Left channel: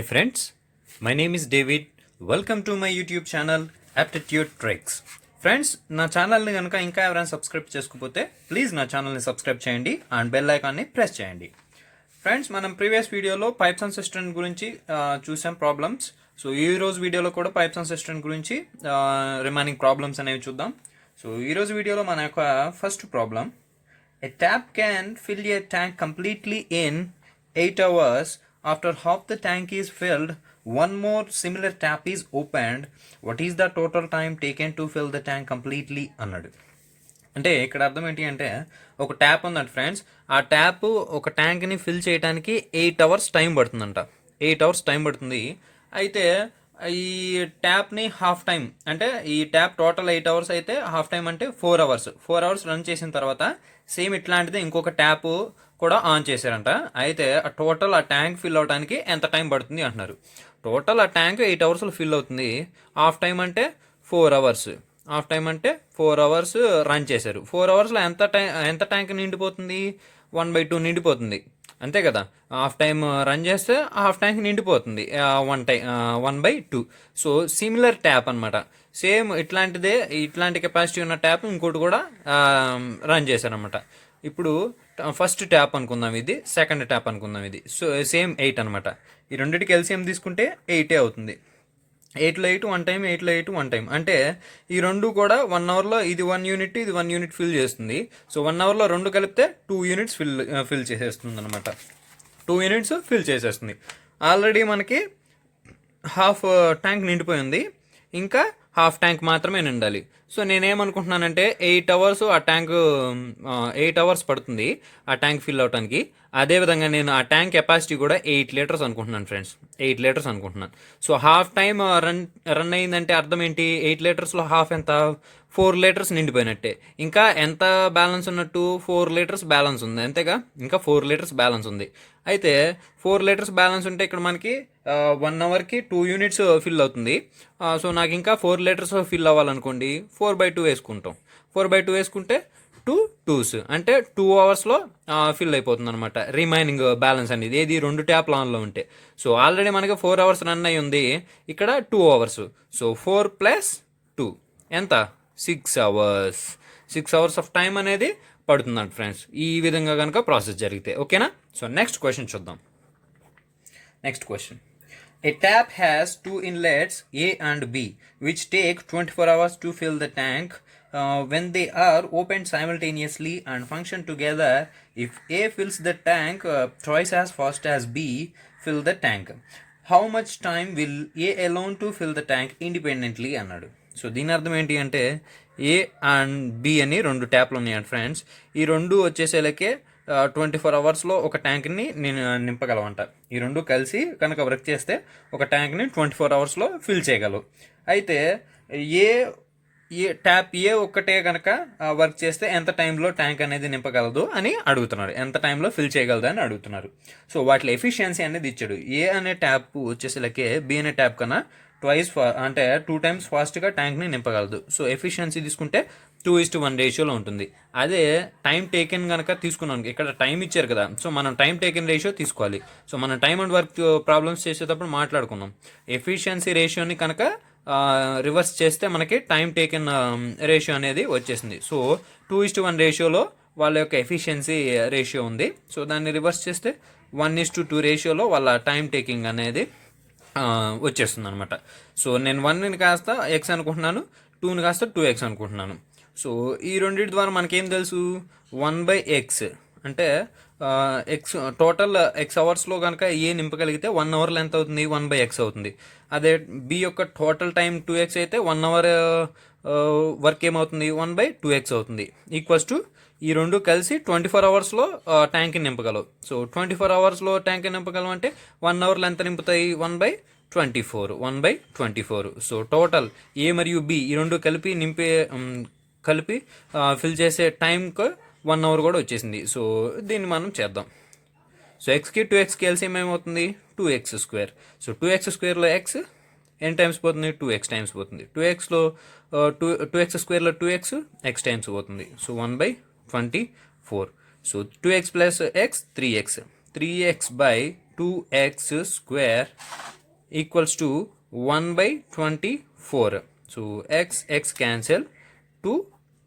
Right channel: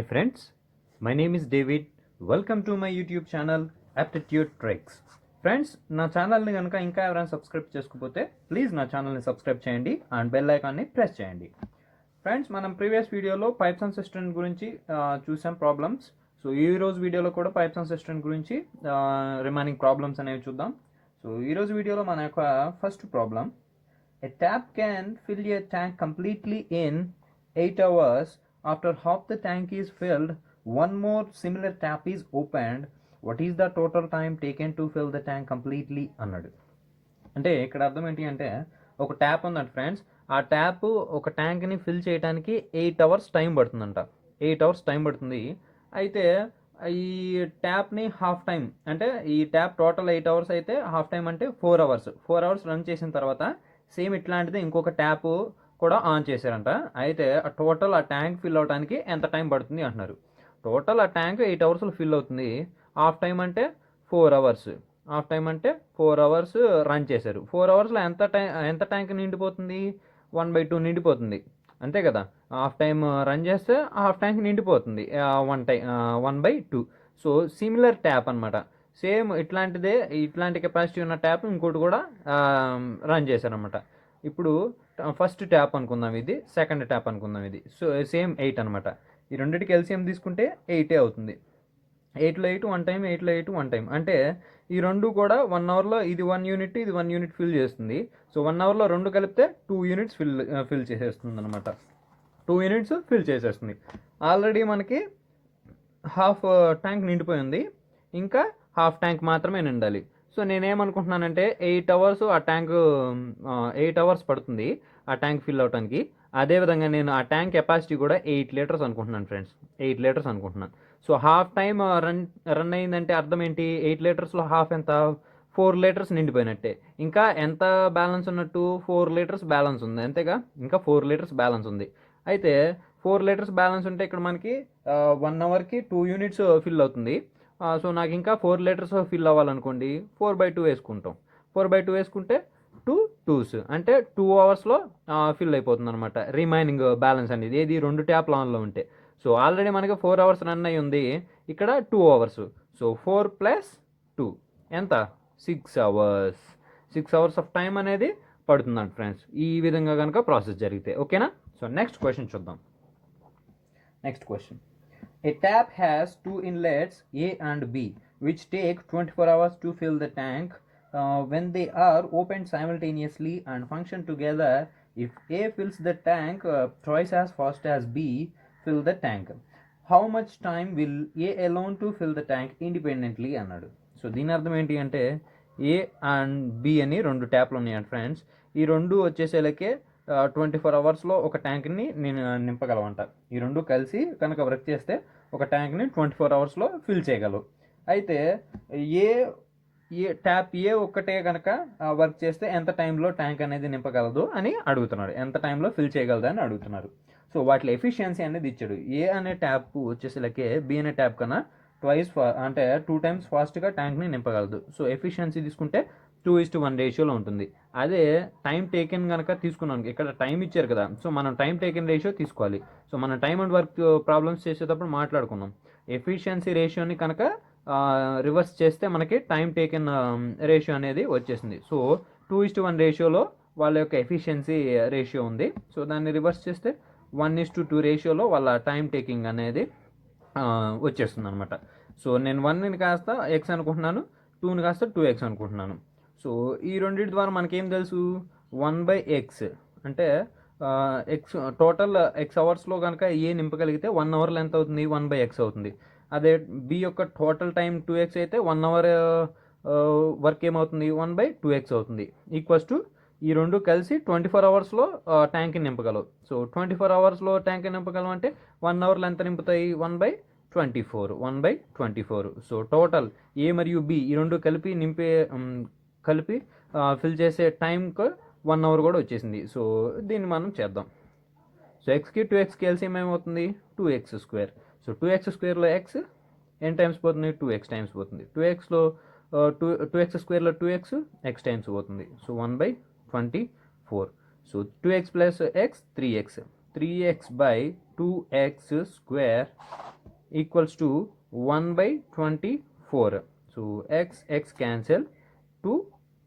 Hi friends, my name is David. Welcome to my YouTube channel Aptitude Tricks. Friends నా ఛానల్ని కనుక ఇంకా ఎవరైనా సబ్స్క్రైబ్ చేసుకోకపోతే ప్లీజ్ నా ఛానల్ని సబ్స్క్రైబ్ చేయండి అండ్ బెల్ ఐకాన్ని ప్రెస్ చేయండి. ఫ్రెండ్స్ మనం ప్రీవియస్ వీడియోలో పైప్స్ అండ్ సిస్టమ్ గురించి చూసాం ప్రాబ్లమ్స్. సో ఈరోజు వీడియోలో కూడా పైప్స్ అండ్ సిస్టమ్ గురించి రిమైనింగ్ ప్రాబ్లమ్స్ అనేవి చూద్దాం. సో ఈరోజు వీడియోలో మన యొక్క first problem, a tap can fill a tank completely in 8 hours. After half the tank is filled, one more similar tap is opened. What is the total time taken to fill the tank completely అన్నాడు. అంటే ఇక్కడ అర్థం ఏంటి అంటే, ఒక tap ఉందంట friends, ఆ tap ఒక ట్యాంక్ని ఫిల్ చేయడానికి 8 hours టైం పడుతుందంట. 8 hours టైం పడుతుంది. అయితే ఈ ట్యాప్ని హాఫ్ టైం, అంటే ఈ ట్యాప్ టోటల్ 8 hours అయితే హాఫ్ టైం అంటే 4 hours. 4 hours రన్ చేసిన తర్వాత సేమ్ ఇట్లాంటిది ఇంకొక ట్యాప్ కూడా ఆన్ చేశారంట. అయితే టోటల్ ఆ ట్యాంక్ ఫిల్ అవడానికి ఎంత టైం పడుతుంది అంటున్నారు. టోటల్ ఆ ట్యాంక్ 8 hours ఫిల్ అవుతుంది. హాఫ్ టైం అంటే 4 hours. హాఫ్ టైం అంటే 4 hours రన్ చేశారు. 4 hours ఎంత ట్యాంక్ నిండిపోతుంది? 1/2 నిండిపోతుంది, అంతే కదా. హాఫ్ టైం రన్ చేస్తే హాఫ్ ట్యాంక్ నిండిపోతుంది 1/2. సో సిమిలర్ ట్యాప్ అనమాట. సేమ్ ఇట్లాంటి కెపాసిటీ ఉన్న ట్యాప్ ఇంకోటి కూడా రన్ చేశారనమాట. ఇప్పుడు ఫస్ట్ ట్యాప్ అనుకుందాం, ఇది సెకండ్ ట్యాప్ అనుకుందాం, ఇది సో సేమ్ 8 అనమాట. ఈ రెండింటికి ఎల్సిఎం తీసుకుంటే 8 అవుతుంది. 8లో 8 1 టైం, 8లో 8 1 టైం. అంటే ఈ రెండు కూడా 1 hourలో ఇది 1 యూనిట్, ఇది 1 యూనిట్ ఫిల్ చేస్తుంది. సో 1 hourలో రెండు కలిపితే 2 units ఫిల్ చేసేస్తుంది అనమాట. 2 units ఫిల్ చేసేస్తుంది. ఆల్రెడీ మనకి హాఫ్ ట్యాంక్ నిండిపోయింది, ఇంకా హాఫ్ ట్యాంక్ మాత్రమే నిండాలి. సో నేనేమనుకుంటున్నానంటే 8 hours ఆ ట్యాంక్ 8 hours పడుతుంది ఆ ట్యాంక్ ఫిల్ అవడానికి. అదేవిధంగా నేను ఆ ట్యాంక్ కెపాసిటీ కూడా 8 liters అనుకుంటున్నాను ఫ్రెండ్స్, 8 liters అనుకుంటున్నాను. సో హాఫ్ టైం రన్ అయిందంటే అర్థం ఏంటి? 8 litersలో హాఫ్ ఎంత? 4 liters నిండిపోయినట్టే. ఇంకా ఎంత బ్యాలెన్స్ ఉన్నట్టు? 4 liters బ్యాలెన్స్ ఉంది, అంతేగా. ఇంకా 4 liters బ్యాలెన్స్ ఉంది. అయితే 4 liters బ్యాలెన్స్ ఉంటే ఇక్కడ మనకి 1 hourకి 2 units ఫిల్ అవుతుంది. సో నాకు ఇంకా 4 liters ఫిల్ అవ్వాలనుకోండి, 4/2 వేసుకుంటాం. 4/2 వేసుకుంటే 2 2s అంటే 2 hours ఫిల్ అయిపోతుంది అనమాట రిమైనింగ్ బ్యాలెన్స్ అనేది. ఏది? రెండు ట్యాప్ ఆన్లో ఉంటే. సో ఆల్రెడీ మనకి 4 hours రన్ అయ్యి ఉంది, ఇక్కడ 2 hours. సో 4 + 2 ఎంత? 6 hours. 6 hours ఆఫ్ టైం అనేది పడుతుందంట ఫ్రెండ్స్, ఈ విధంగా కనుక ప్రాసెస్ జరిగితే. ఓకేనా? సో నెక్స్ట్ క్వశ్చన్ చూద్దాం. Next question, a tap has 2 inlets A and B which take 24 hours to fill the tank. When they are opened simultaneously and function together, if A fills the tank twice as fast as B fill the tank, how much time will A alone to fill the tank independently అన్నాడు. So దీని అర్థం ఏంటి అంటే, ఏ and B అని రెండు ట్యాప్లు ఉన్నాయండి friends. ఈ రెండు వచ్చేసేలకే 24 hours ఒక ట్యాంక్ని నేను నింపగలవంట. ఈ రెండు కలిసి కనుక వర్క్ చేస్తే ఒక ట్యాంక్ని 24 hours ఫిల్ చేయగలవు. అయితే ట్యాప్ ఏ ఒక్కటే కనుక వర్క్ చేస్తే ఎంత టైంలో ట్యాంక్ అనేది నింపగలదు అని అడుగుతున్నారు. ఎంత టైంలో ఫిల్ చేయగలదు అని అడుగుతున్నారు. సో వాటి ఎఫిషియన్సీ అనేది ఇచ్చాడు. ఏ అనే ట్యాప్ వచ్చేసరికి బి అనే ట్యాప్ కన్నా అంటే 2 times ఫాస్ట్గా ట్యాంక్ని నింపగలదు. సో ఎఫిషియన్సీ తీసుకుంటే 2:1 రేషియోలో ఉంటుంది. అదే టైం టేకెన్ కనుక తీసుకున్నాం, ఇక్కడ టైం ఇచ్చారు కదా, సో మనం టైం టేకెన్ రేషియో తీసుకోవాలి. సో మనం టైం అండ్ వర్క్ ప్రాబ్లమ్స్ చేసేటప్పుడు మాట్లాడుకున్నాం. ఎఫిషియన్సీ రేషియోని కనుక రివర్స్ చేస్తే మనకి టైం టేకెన్ రేషియో అనేది వచ్చేసింది. సో 2:1 రేషియోలో వాళ్ళ యొక్క ఎఫిషియన్సీ రేషియో ఉంది. సో దాన్ని రివర్స్ చేస్తే 1:2 రేషియోలో వాళ్ళ టైం టేకింగ్ అనేది వచ్చేస్తుంది అనమాట. సో నేను 1ని కాస్త ఎక్స్ అనుకుంటున్నాను, 2ని కాస్త 2x అనుకుంటున్నాను. సో ఈ రెండింటి ద్వారా మనకేం తెలుసు? 1/x అంటే ఎక్స్ టోటల్ x hours కనుక ఏ నింపగలిగితే 1 hourలో ఎంత అవుతుంది? 1/x అవుతుంది. అదే బి యొక్క టోటల్ టైం 2x అయితే 1 hour వర్క్ ఏమవుతుంది? 1/2x అవుతుంది. ఈక్వల్స్ టు ఈ రెండు కలిసి 24 hours ట్యాంక్ని నింపగలవు. సో 24 hours ట్యాంక్ని నింపగలవు అంటే 1 hourలో ఎంత నింపుతాయి? 1/24. సో టోటల్ ఏ మరియు బి ఈ రెండు కలిపి ఫిల్ చేసే టైంకి 1 hour కూడా వచ్చేసింది. సో దీన్ని మనం చేద్దాం. సో ఎక్స్కి 2xకి ఎల్సిఎం ఏమవుతుంది? 2x². సో 2x² ఎక్స్ ఎన్ని టైమ్స్ పోతుంది? 2x టైమ్స్ పోతుంది. 2x²లో 2x x టైమ్స్ పోతుంది. So 1/24. So 2x + x 3x. 3x/2x square equals to 1/24. So x cancel, 2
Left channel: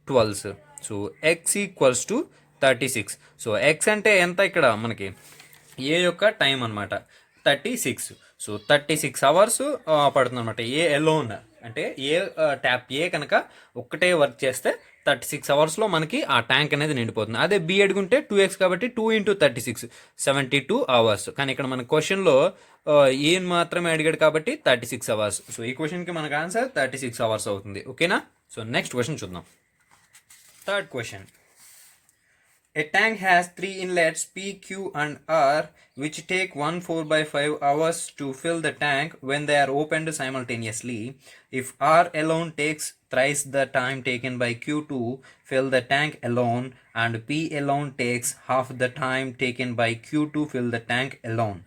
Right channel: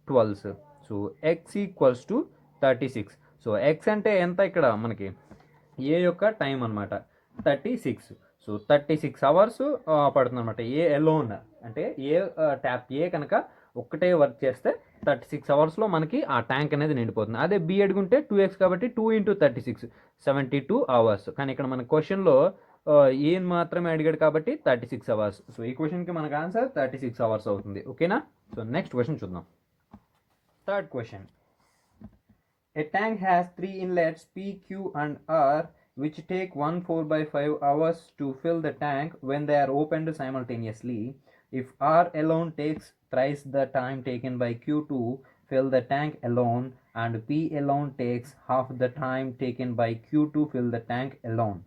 12s. So x equals to 36. So x అంటే ఎంత ఇక్కడ మనకి ఏ యొక్క టైం అనమాట 36. సో 36 అవర్స్ పడుతుంది అనమాట ఏ ఎలోన్ అంటే ఏ ట్యాప్ ఏ కనుక ఒక్కటే వర్క్ చేస్తే 36 అవర్స్లో మనకి ఆ ట్యాంక్ అనేది నిండిపోతుంది. అదే బి అడుగుంటే 2x కాబట్టి 2 × 36 72 అవర్స్. కానీ ఇక్కడ మన క్వశ్చన్లో ఏం మాత్రమే అడిగాడు కాబట్టి 36 అవర్స్. సో ఈ క్వశ్చన్కి మనకు ఆన్సర్ 36 అవర్స్ అవుతుంది. ఓకేనా? సో నెక్స్ట్ క్వశ్చన్ చూద్దాం. Third question. A tank has 3 inlets P, Q and R which take 1 4/5 hours to fill the tank when they are opened simultaneously. If R alone takes thrice the time taken by Q to fill the tank alone and P alone takes half the time taken by Q to fill the tank alone,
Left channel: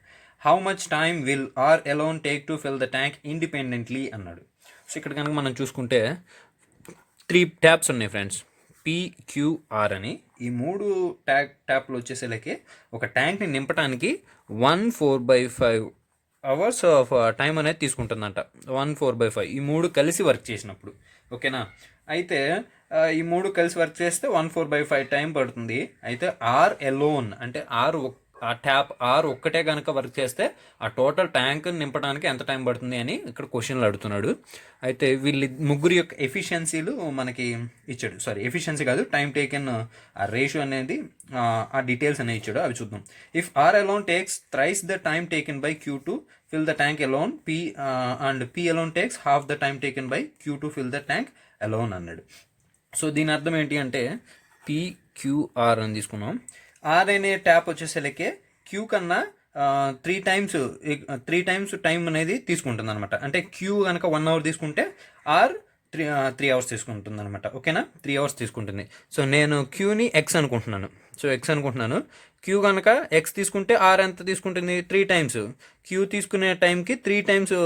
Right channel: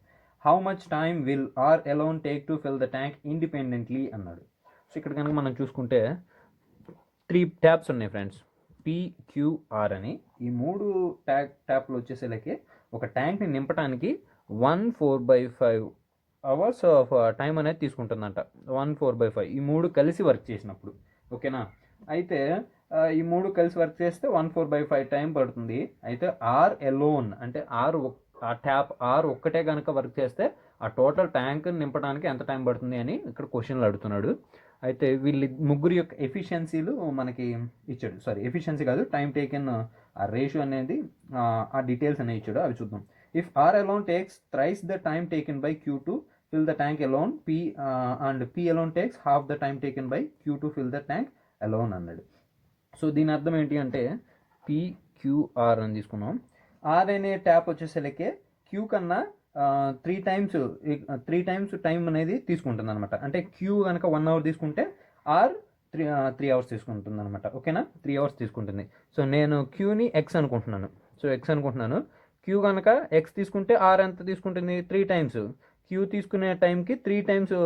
how much time will R alone take to fill the tank independently అన్నాడు. So ఇక్కడ కనుక మనం చూసుకుంటే 3 taps ఉన్నాయి friends, PQR అని. ఈ 3 ట్యాప్లు వచ్చేసరికి ఒక ట్యాంక్ని నింపడానికి 1 4/5 అవర్స్ ఆఫ్ టైం అనేది తీసుకుంటుందంట. 1 4/5 ఈ 3 కలిసి వర్క్ చేసినప్పుడు. ఓకేనా? అయితే ఈ 3 కలిసి వర్క్ చేస్తే 1 4/5 టైం పడుతుంది. అయితే ఆర్ ఎలోన్ అంటే ఆ ట్యాప్ ఆర్ ఒక్కటే కనుక వర్క్ చేస్తే ఆ టోటల్ ట్యాంక్ నింపడానికి ఎంత టైం పడుతుంది అని ఇక్కడ క్వశ్చన్లు అడుగుతున్నాడు. అయితే వీళ్ళు ముగ్గురు యొక్క ఎఫిషియన్సీలు మనకి ఇచ్చాడు. సారీ, ఎఫిషియన్సీ కాదు, టైం టేకెన్ ఆ రేషియో అనేది ఆ డీటెయిల్స్ అనేవి ఇచ్చాడు. అవి చూద్దాం. If R alone takes thrice the time taken by Q to fill the tank alone, and P alone takes half the time taken by Q to fill the tank alone అన్నాడు. So దీని అర్థం ఏంటి అంటే PQR అని తీసుకున్నాం. Are అనే tap వచ్చేసరికి queue కన్నా 3 టైమ్స్ టైం అనేది తీసుకుంటుంది అనమాట. అంటే క్యూ కనుక 1 అవర్ తీసుకుంటే ఆర్ 3 అవర్స్ తీసుకుంటుంది అనమాట. ఓకేనా? 3 అవర్స్ తీసుకుంటుంది. సో నేను క్యూని ఎక్స్ అనుకుంటున్నాను. క్యూ కనుక ఎక్స్ తీసుకుంటే ఆర్ ఎంత తీసుకుంటుంది? 3 టైమ్స్. క్యూ తీసుకునే టైంకి 3 టైమ్స్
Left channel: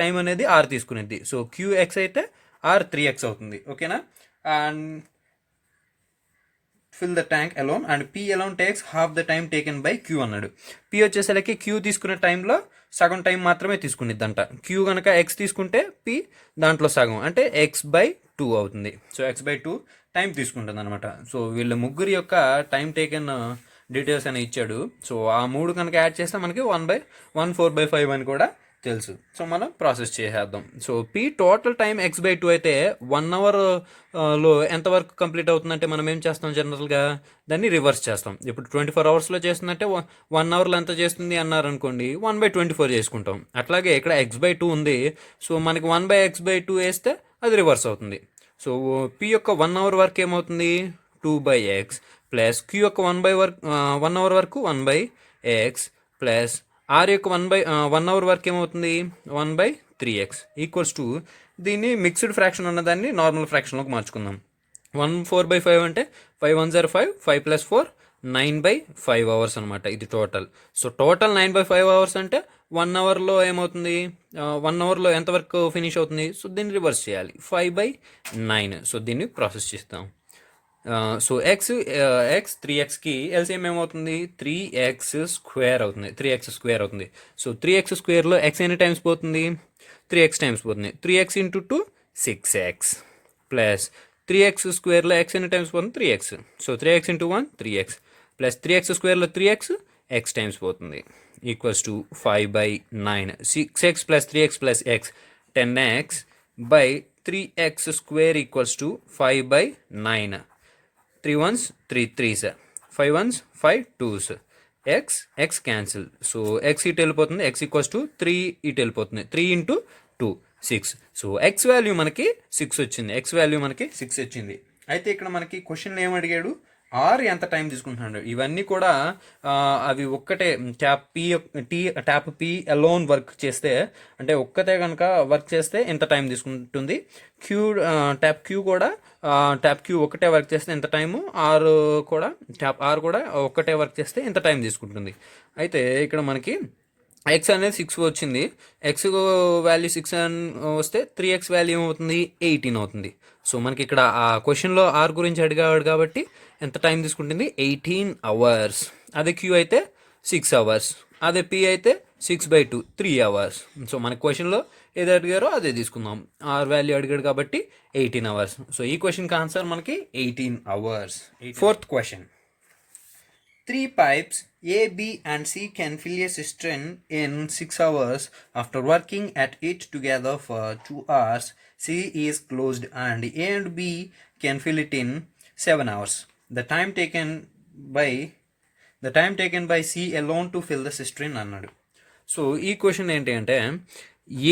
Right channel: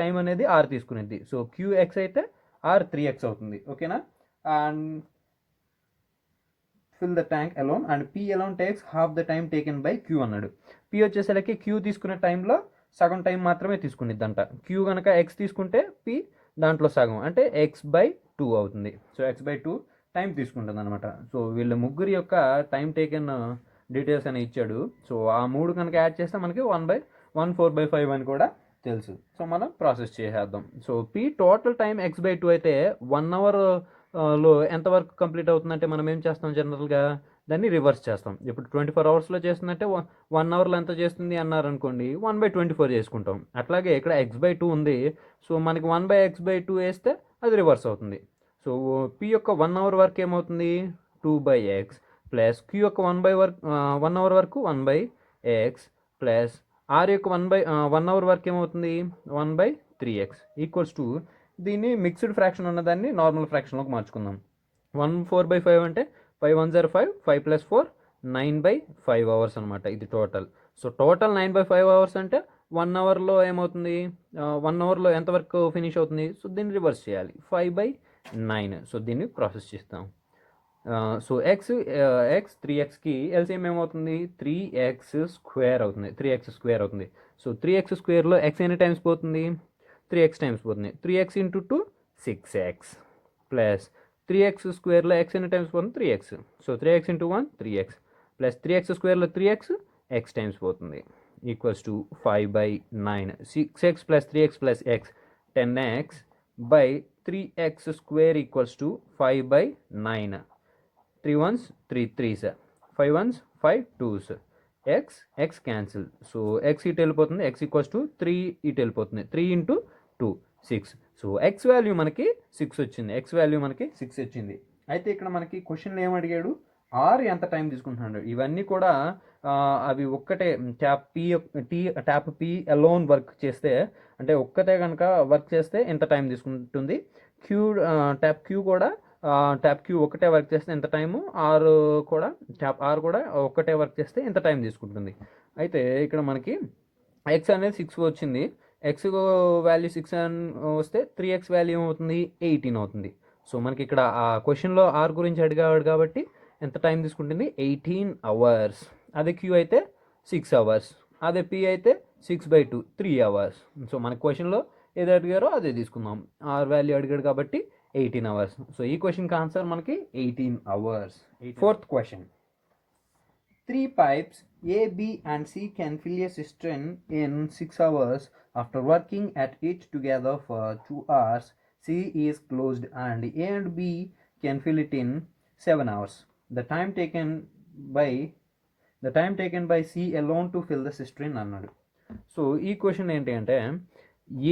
టైం అనేది ఆర్ తీసుకునేది. సో క్యూ ఎక్స్ అయితే ఆర్ 3x అవుతుంది. ఓకేనా? And fill the tank alone and P alone takes half the time taken by Q అన్నాడు. పీ వచ్చేసరికి క్యూ తీసుకునే టైంలో సగం టైం మాత్రమే తీసుకునిద్దంట. క్యూ కనుక ఎక్స్ తీసుకుంటే పీ దాంట్లో సగం అంటే x/2 అవుతుంది. సో x/2 టైం తీసుకుంటుంది అనమాట. సో వీళ్ళ ముగ్గురు యొక్క టైం టేకెన్ డీటెయిల్స్ అని ఇచ్చాడు. సో ఆ 3 కనుక యాడ్ చేస్తే మనకి 1 4/5 అని కూడా తెలుసు. సో మనం ప్రాసెస్ చేసేద్దాం. So P total time x/2 అయితే 1 అవర్లో ఎంతవరకు కంప్లీట్ అవుతుందంటే మనం ఏం చేస్తాం, జనరల్గా దాన్ని రివర్స్ చేస్తాం. ఇప్పుడు 24 అవర్స్లో చేస్తుందంటే 1 అవర్లో ఎంత చేస్తుంది అన్నారనుకోండి, 1/24 చేసుకుంటాం. అట్లాగే ఇక్కడ x/2 ఉంది. సో మనకి 1/x/2 వేస్తే అది రివర్స్ అవుతుంది. సో పీ యొక్క 1 అవర్ వర్క్ ఏమవుతుంది? 2/x ప్లస్ క్యూ యొక్క 1 అవర్ వరకు 1/x ప్లస్ ఆర్ యొక్క 1 అవర్ వరకు ఏమవుతుంది? 1/3x ఈక్వల్స్ టు దీన్ని మిక్స్డ్ ఫ్రాక్షన్ ఉన్నదాన్ని నార్మల్ ఫ్రాక్షన్లోకి మార్చుకుందాం. 1 4/5 అంటే 5 1 0 5 5 + 4 9/5 అవర్స్ అనమాట ఇది టోటల్. సో టోటల్ 9/5 అవర్స్ అంటే 1 అవర్లో ఏమవుతుంది? 1 అవర్లో ఎంత వర్క్ ఫినిష్ అవుతుంది? సో దీన్ని రివర్స్ చేయాలి, 5/9. సో దీన్ని ప్రాసెస్ చేస్తాం. సో ఎక్స్ 3xకి ఎల్సిఎం ఏమవుతుంది? 3x² అవుతుంది. సో 3x² ఎక్స్ ఎన్ని టైమ్స్ పోతుంది? 3x టైమ్స్ పోతుంది. 3x × 2 6x plus 3x² X ఎన్ని టైమ్స్ పోతుంది? 3x. So 3x × 1 3x plus 3x² 3x x times పోతుంది equals to 5/9. 6x plus 3x plus x 10x by 3x² equals to 5/9. 3 1s 3 3s 5 1s 5 2s x cancel. So x ఇటు వెళ్ళిపోతుంది, x equals to 3 ఇటు వెళ్ళిపోతుంది. 3 × 2 6. So x value మనకి 6 వచ్చింది. అయితే ఇక్కడ మనకి క్వశ్చన్లో ఏం అడిగాడు? ఆర్ ఎంత టైం తీసుకుంటున్నాడు? ఇవన్నీ కూడా అవి ఒక్కటే ట్యాప్ పీ అలోన్ వర్క్ చేస్తే, అంటే ఒక్కటే కనుక వర్క్ చేస్తే ఎంత టైం తీసుకుంటుంది. ట్యాప్ క్యూ ఒక్కటే వర్క్ చేస్తే ఎంత టైము, ట్యాప్ ఆర్ కూడా ఒక్కటే వర్క్ చేస్తే ఎంత టైం తీసుకుంటుంది. అయితే ఇక్కడ మనకి ఎక్స్ అనేది 6 వచ్చింది. ఎక్స్ వాల్యూ 6 వస్తే 3x వాల్యూ ఏమవుతుంది? 18 అవుతుంది. సో మనకి ఇక్కడ ఆ క్వశ్చన్లో ఆర్ గురించి అడిగాడు కాబట్టి ఎంత టైం తీసుకుంటుంది? 18 అవర్స్. అదే క్యూ అయితే 6 అవర్స్. అదే పి అయితే 6/2 3 అవర్స్. సో మన క్వశ్చన్లో ఏది అడిగారో అదే తీసుకుందాం. ఆర్ వాల్యూ అడిగాడు కాబట్టి 18 అవర్స్. సో ఈ క్వశ్చన్కి ఆన్సర్ మనకి 18 hours. Fourth question. Three pipes A, B, and C can fill a cistern in 6 hours. After working at it together for 2 hours, C is closed and A and B can fill it in 7 hours. The time taken by C alone to fill the cistern అన్నాడు. So ఈ question ఏంటి అంటే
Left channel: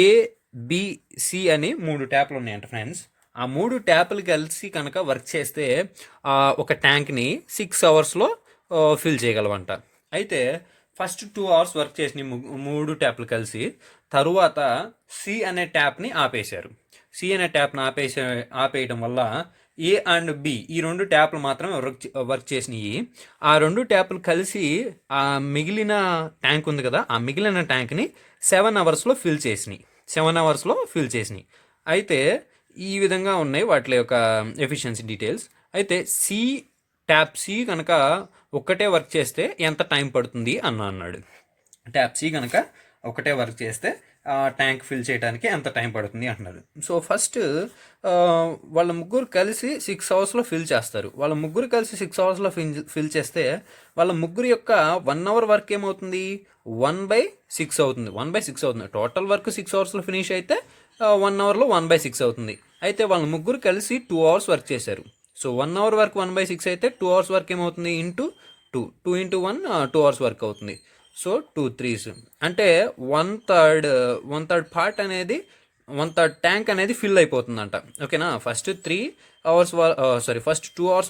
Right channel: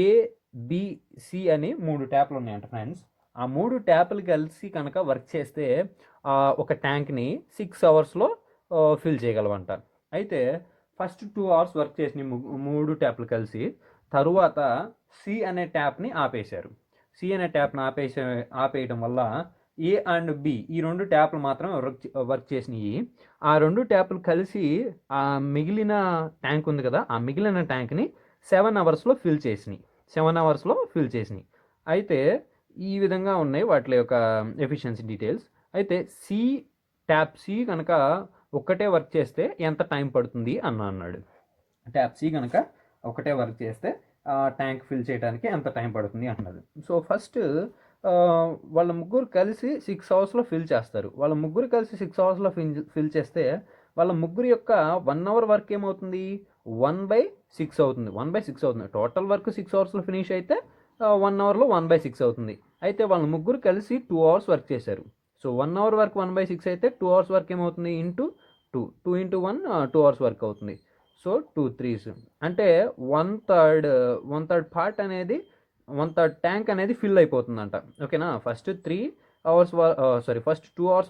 A B C అని 3 ట్యాప్లు ఉన్నాయంట friends. ఆ 3 ట్యాప్లు కలిసి కనుక work చేస్తే ఒక ట్యాంక్ని 6 అవర్స్లో ఫిల్ చేయగలవంట. అయితే ఫస్ట్ 2 అవర్స్ వర్క్ చేసిన 3 ట్యాప్లు కలిసి తరువాత సి అనే ట్యాప్ని ఆపేశారు. సి అనే ట్యాప్ని ఆపేయడం వల్ల ఏ అండ్ బి ఈ 2 ట్యాప్లు మాత్రమే వర్క్ చేసినాయి. ఆ 2 ట్యాప్లు కలిసి ఆ మిగిలిన ట్యాంక్ ఉంది కదా, ఆ మిగిలిన ట్యాంక్ని 7 అవర్స్లో ఫిల్ చేసినాయి. అయితే ఈ విధంగా ఉన్నాయి వాటి యొక్క ఎఫిషియన్సీ డీటెయిల్స్. అయితే ట్యాప్ సి కనుక ఒక్కటే వర్క్ చేస్తే ఎంత టైం పడుతుంది అన్నాడు. ట్యాప్ సి కనుక ఒకటే వర్క్ చేస్తే ట్యాంక్ ఫిల్ చేయడానికి ఎంత టైం పడుతుంది అంటున్నారు. సో ఫస్ట్ వాళ్ళ ముగ్గురు కలిసి 6 అవర్స్లో ఫిల్ చేస్తారు. వాళ్ళ ముగ్గురు కలిసి 6 అవర్స్లో ఫిల్ చేస్తే వాళ్ళ ముగ్గురు యొక్క 1 అవర్ వర్క్ ఏమవుతుంది, 1/6 అవుతుంది. 1/6 అవుతుంది. టోటల్ వర్క్ 6 అవర్స్లో ఫినిష్ అయితే 1 అవర్లో 1/6 అవుతుంది. అయితే వాళ్ళ ముగ్గురు కలిసి 2 అవర్స్ వర్క్ చేశారు. సో 1 అవర్ వర్క్ 1/6 అయితే 2 అవర్స్ వర్క్ ఏమవుతుంది, ఇంటూ 2 ఇంటూ 1 2 అవర్స్ వర్క్ అవుతుంది. సో 2 3s అంటే 1/3 పార్ట్ అనేది 1/3 ట్యాంక్ అనేది ఫిల్ అయిపోతుందంట. ఓకేనా. ఫస్ట్ 2 అవర్స్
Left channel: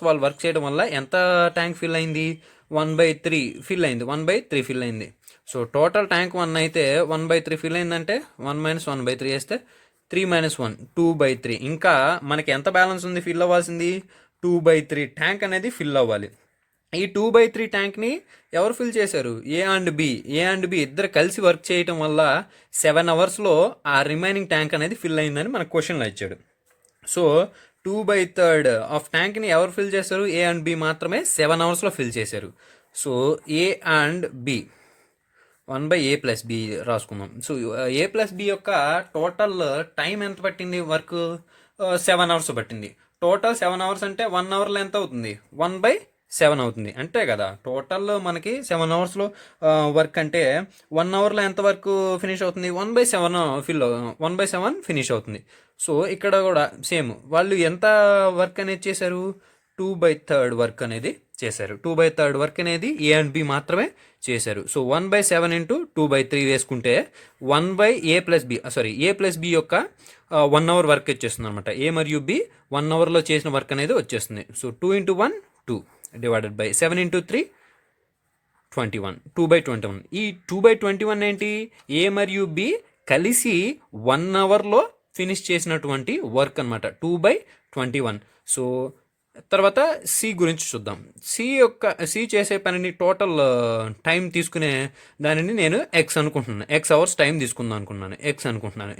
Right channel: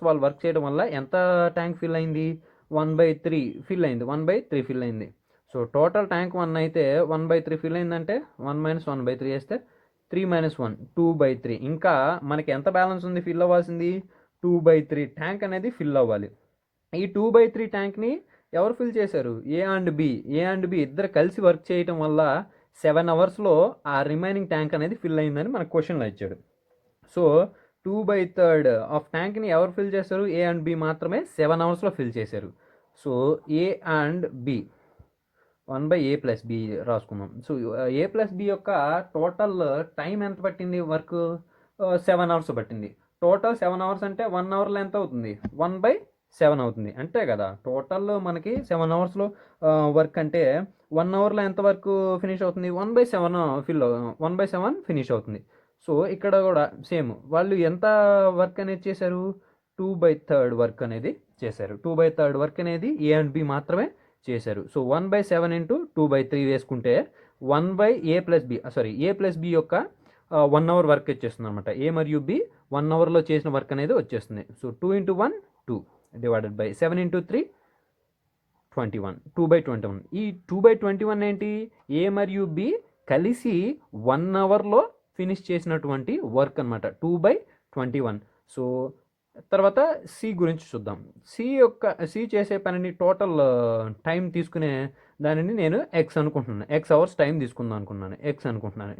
వాళ్ళు వర్క్ చేయడం వల్ల ఎంత ట్యాంక్ ఫిల్ అయింది, 1/3 ఫిల్ అయింది. 1/3 ఫిల్ అయింది. సో టోటల్ ట్యాంక్ 1 అయితే 1/3 ఫిల్ అయిందంటే 1 - 1/3 వేస్తే 3 - 1 2/3. ఇంకా మనకి ఎంత బ్యాలెన్స్ ఉంది ఫిల్ అవ్వాల్సింది, 2/3 ట్యాంక్ అనేది ఫిల్ అవ్వాలి. ఈ 2/3 ట్యాంక్ని ఎవరు ఫిల్ చేశారు, ఏ అండ్ బి ఇద్దరు కలిసి వర్క్ చేయటం వల్ల 7 అవర్స్లో ఆ రిమైనింగ్ ట్యాంక్ అనేది ఫిల్ అయిందని మనకు క్వశ్చన్లో ఇచ్చాడు. సో 2/3 ఆఫ్ ట్యాంక్ని ఎవరు ఫిల్ చేశారు, ఏ అండ్ బి మాత్రమే 7 అవర్స్లో ఫిల్ చేశారు. So A and B 1/A+B రాసుకుందాం. సో A+B యొక్క టోటల్ టైం ఎంత పట్టింది, వర్క్ 7 అవర్స్ పట్టింది. టోటల్ 7 అవర్స్ అంటే 1 అవర్లో ఎంత అవుతుంది, 1/7 అవుతుంది. అంతే కదా. టోటల్ మనకి 7 అవర్స్లో వర్క్ అంటే 1 అవర్లో ఎంత వర్క్ ఫినిష్ అవుతుంది, 1/7 ఫినిష్ అవుతుంది. సో ఇక్కడ కూడా సేమ్ వాళ్ళు ఎంత వర్క్ అనేది చేశారు, 2/3 వర్క్ అనేది చేశారు. 2/3 వర్క్ అనేది ఏ అండ్ బి మాత్రమే చేశారు. సో 1/7 ఇంటూ 2/3 వేసుకుంటే A+B యొక్క 1 అవర్ వర్క్ వచ్చేస్తుంది అనమాట. ఏ మరియు బి 1 అవర్లో చేసిన వర్క్ అనేది వచ్చేస్తుంది. So 2 × 1 2 divided by 7 × 3 21 2/21. ఈ 2/21 ఏంటి, ఏ మరియు బి కలిసి 1 అవర్లో ఫినిష్ చేసినటువంటి వర్క్ అనమాట, 2/21. సో తర్వాత సి గురించి చూద్దాం. సి చేసే పనిని టోటల్ టైం తీసుకునే దానిని నేను ఎక్స్ అవర్స్ టైం తీసుకుందాం అనుకుంటున్నాను.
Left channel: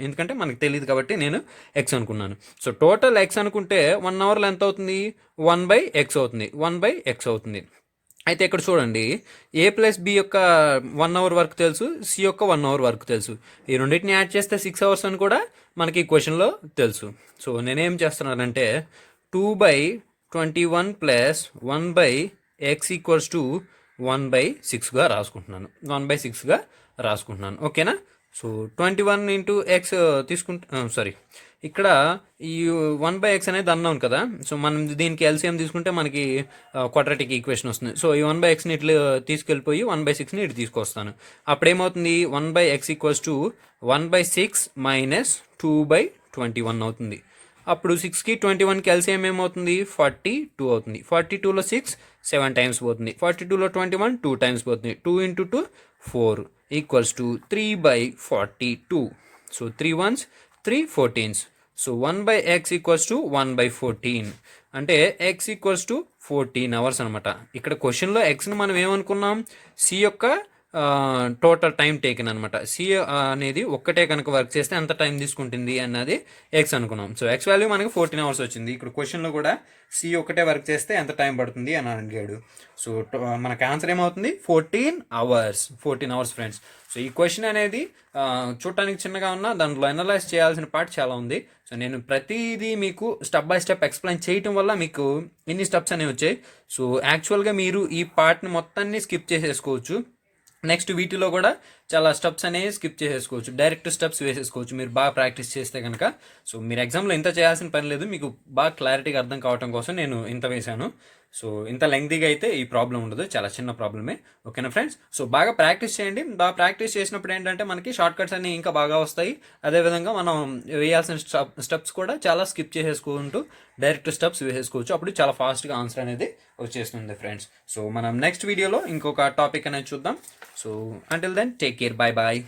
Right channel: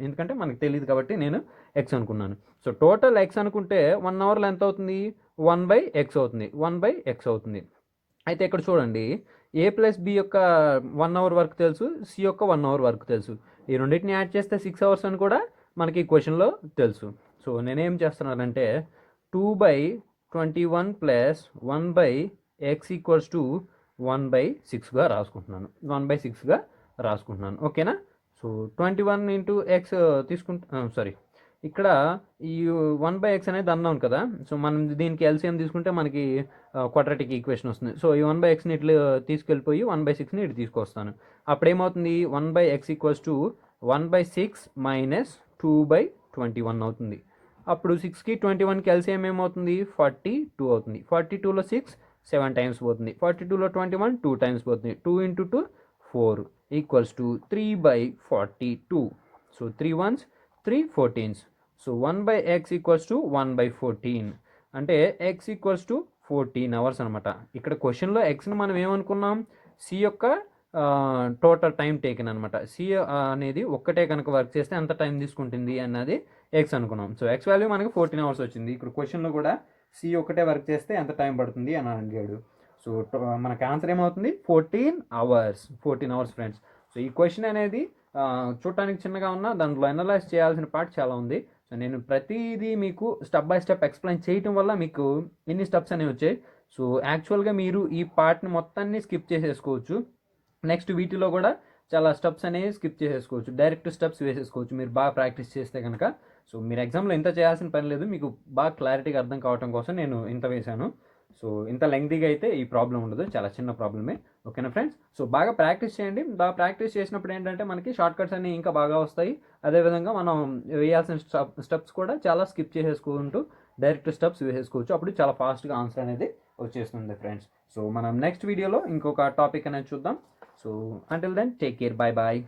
ఎందుకంటే మనకు తెలియదు కాబట్టి నేను ఎక్స్ అనుకున్నాను. సో టోటల్ ఎక్స్ అనుకుంటే 1 అవర్లో ఎంత అవుతుంది, 1/x అవుతుంది. 1/x అవుతుంది. అయితే ఇక్కడ చూడండి, A+B యొక్క 1 అవర్ వర్క్ తెలుసు, సి యొక్క 1 అవర్ వర్క్ తెలుసు. ఈ రెండింటిని యాడ్ చేస్తే 6 అవర్స్ అని కూడా మనకి క్వశ్చన్లో తెలుసు. సో నేనేం చేస్తున్నానంటే 2/21 + 1/x = 1/6గా రాసుకుంటున్నాను. ఓకేనా. సో 21 × x తీసుకుంటే ఇక్కడ ఈ 1/x అనేది అన్నాం కదా. సో మనం దీనికి ఎల్సిఎం తీసుకుంటే మనకి క్వాడ్రాటిక్ ఈక్వేషన్ వస్తుంది. సో ఈ 1/xని ఇట్లా తీసుకెళ్ళిపోయి 1/6ని ఇటు తీసుకొస్తాను. అప్పుడేమవుతుంది, 1/x = 1/6 - 2/21 అవుతుంది. అప్పుడు 6కి 21కి ఎల్సిఎం ఏమవుతుంది, 42 అవుతుంది. 42లో 6 7 టైమ్స్ పోతుంది. 42లో 21 2 టైమ్స్ పోతుంది. 2 × 2 4 = 3/42. So 3 1s 3 14s. So 1/x = 1/14 అంటే x = 14 అవర్స్ అనమాట. ఇక్కడ క్వశ్చన్లో ఎక్స్ని మనం ఏమనుకున్నాం, సి యొక్క టోటల్ టైం టేకెన్ అనమాట. సి అనేది ఒక్కటే కనుక వర్క్ చేస్తే ఎంత టైం తీసుకుంటుంది అన్నది ఎక్స్ అనుకున్నాం. సో ఎక్స్ వాల్యూ మనకి 14 అవర్స్ వచ్చింది. ఇక్కడ క్వశ్చన్లో కూడా సి ఒక్కటే వర్క్ చేస్తే ఎంత టైం పడుతుంది అని అడిగాడు. సో మనకు ఆన్సర్ ఏమవుతుంది, 14 అవర్స్ ఫ్రెండ్స్. సో ఈ క్వశ్చన్ అనేది చూడటానికి చిన్నగా ఉన్నా దాంట్లో అనలైజ్ చేయాల్సిన పార్ట్ చాలా ఉంది. సో నేను ప్రతిదీ మీకు స్టెప్ బై స్టెప్ ఎక్స్ప్లెయిన్ చేయటం వల్ల మీకు ఇన్ని స్టెప్స్ అనేవి వచ్చాయి. సో యాక్చువల్గా మీరు ఈ పార్ట్ని మొత్తాన్ని స్కిప్ చేసేసుకోవచ్చు. నెక్స్ట్ వీటిలో కూడా చాలా స్టెప్స్ అనేవి స్కిప్ చేసేసుకోవచ్చు, డైరెక్ట్ స్టెప్స్ వేసేసుకోవచ్చు మీరు బాగా ప్రాక్టీస్ చేస్తే కనుక. సో మీరు ఎగ్జామ్లో ఇంత చేయాల్సిన పని లేదు, మీకు బాగా క్లారిటీగా అర్థం కావడం కోసం నేను ఇంత వేశాను. సో ఇంత లెంగ్తీగా అయితే ఈ ప్రాబ్లం ఉండదు, చాలా చిన్న ప్రాబ్లమే. ఓకేనా ఫ్రెండ్స్? సో బాగా ప్రాక్టీస్ చేయండి. బాగా ప్రాక్టీస్ చేసినప్పుడు ఏంటంటే మనకి షార్ట్ కట్స్ అన్నీ ఇంకా బాగా వస్తాయి. అదేవిధంగా మనం వేయాల్సిన స్టెప్స్ కూడా చాలా స్కిప్ చేసేసుకుంటూ డైరెక్ట్ స్టెప్స్ వేసేసుకోవచ్చు. అప్పుడు చాలా ఫాస్ట్గా ఆన్సర్ అనేది వచ్చేస్తుంది ఫ్రెండ్స్. సో మనం నెక్స్ట్ వీడియోలో ఇంకొక టాపిక్ అనేది చూద్దాం. So until then take care, bye bye.